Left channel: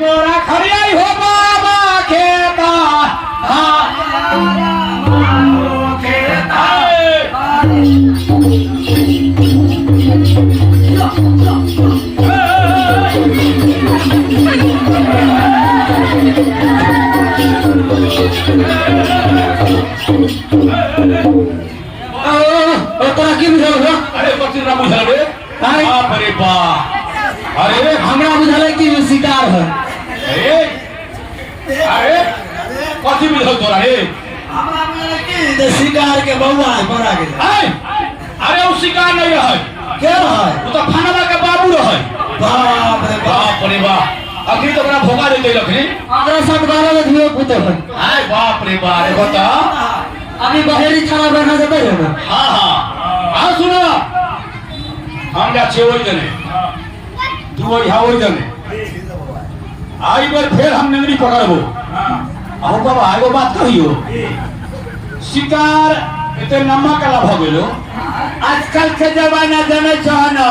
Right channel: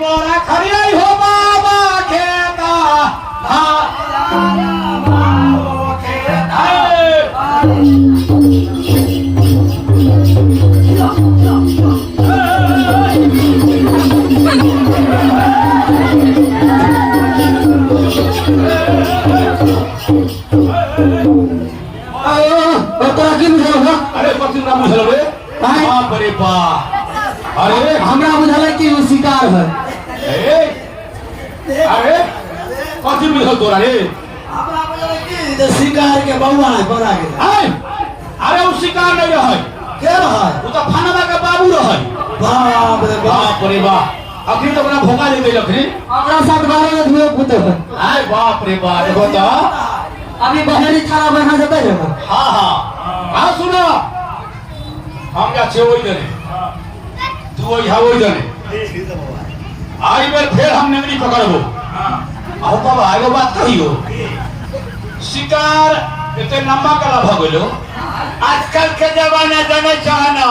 मोरा खरियाई हो बाबा खेता अरे पक्षी ना बुझल रे बाप रे बाप अरे हमरा बुझल कि वो शिकार है। अरे कथी बुझल तोरा रे हमरा बुझल कि जे शिकार के बउआ है बड़ा गेल। अरे वो शिकार नहीं रहे के रहे वो तो फानवा के बाबू रहे। बाप रे बाप रे बाप अखनी तो बड़ा भोगा देते रखनी हमरा साथ 12 में धुए पुत है। आय बाप रे बाप रे बता अभी बहेरी थाना बना देते है ना। हाँ सुनो हम जा छे वही जने तू वही जने आई बेर फिर हम नेंगरी पकड़बो आओ बाबा आगो बात कहियो शिकार एते लंबा कला भ गेलो आजकल के जमाना जने चाहना